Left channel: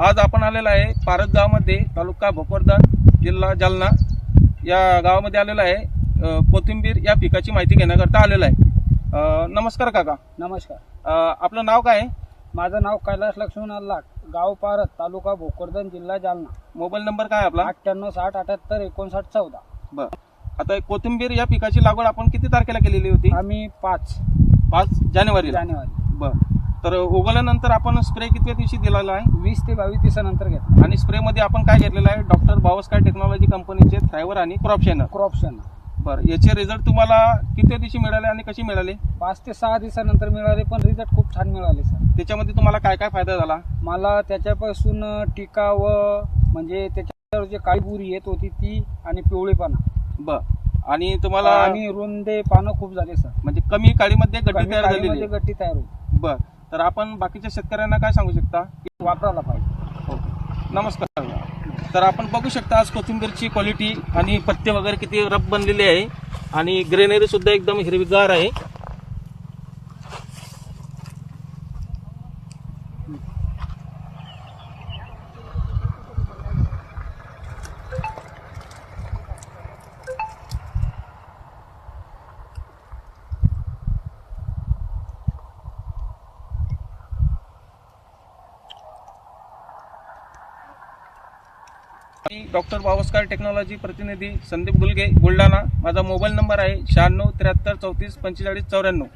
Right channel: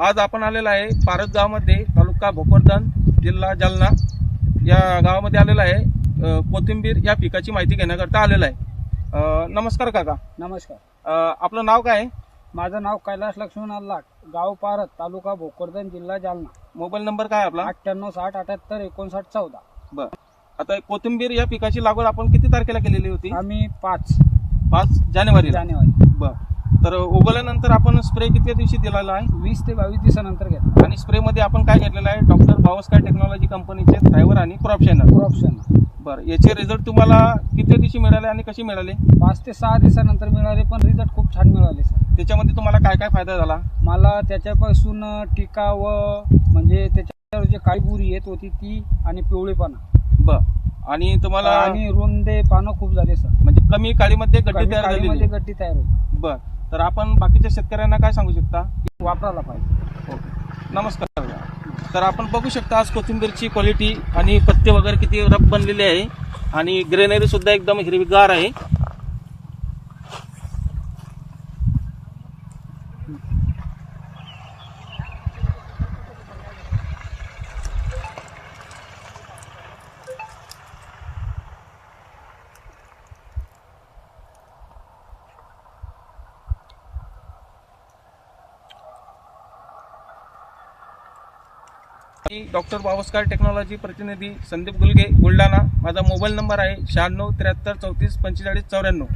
आज आपण आलेला आहे पारत गावामध्ये, तालुका भोकरदन, जिल्हा जालना या गावामध्ये आलेला आहे। कोथिंबीर या पिकाची माहिती घेण्याकरता आलेला आहे। नमस्कार काका। नमस्कार। आपलं नाव काय आहे? माझं नाव कैलास लक्ष्मण लाट, गाव पारत, तालुका भोकरदन, जिल्हा जालना। मोबाईल नंबर काय आपला? 9860785914। बरं, आता कोथिंबीर या पिकाची लागवड आपण किती तारखेला केलेली होती? आम्ही 5 जानेवारी। जानेवारी। तर उगवल्यानंतर आपण स्प्रे किती दिवशी दिलेला आहे? 20 ते 22 दिवसानंतर घेतला। आणि स्प्रे मध्ये आपण काय घेतलेलं आहे? डॉक्टर बावस्कर टेक्नॉलॉजी कंपनीचे थ्रायव्हर आणि क्रॉप शायनर। बरं, याचे रिझल्ट तुम्हाला किती दिवशी मिळाले आणि कशी मिळाले? 5 ते 6 दिवसानंतर मिळाले, पण रिझल्ट खूप छान मिळाले सर। त्याच्यामध्ये तुम्हाला काय काय फायदा झाला? मला त्याच्यापासून टिका व म्हणजे त्याच्यावर जे काळी बुरी येत होती ती आणि पिवळेपणा। बरं, आणि तुम्हाला आणि रुंदे पानं खूप झाले सर, म्हणजे कमी काळीमध्ये गड्डी तयार झालेली आहे? गड्डी तयार होती। बरं, तर आपण बाकीच्या शेतकऱ्यांना काय सांगू शकता? वापरायला पाहिजे। ओके, नमस्कार। तर आपण बघू शकता आज कोथिंबीरची क्वालिटी आणि पत्ते वगैरे किती रफ बनलेले आहे आणि ग्रेनरी सुद्धा एकदम हिरवीगार आहे। डॉक्टर बावस्कर टेक्नॉलॉजी प्रतिनिधी संदीप गुलगे, बुलढाणा। माझा मोबाईल नंबर आहे 96 73 34 45 94।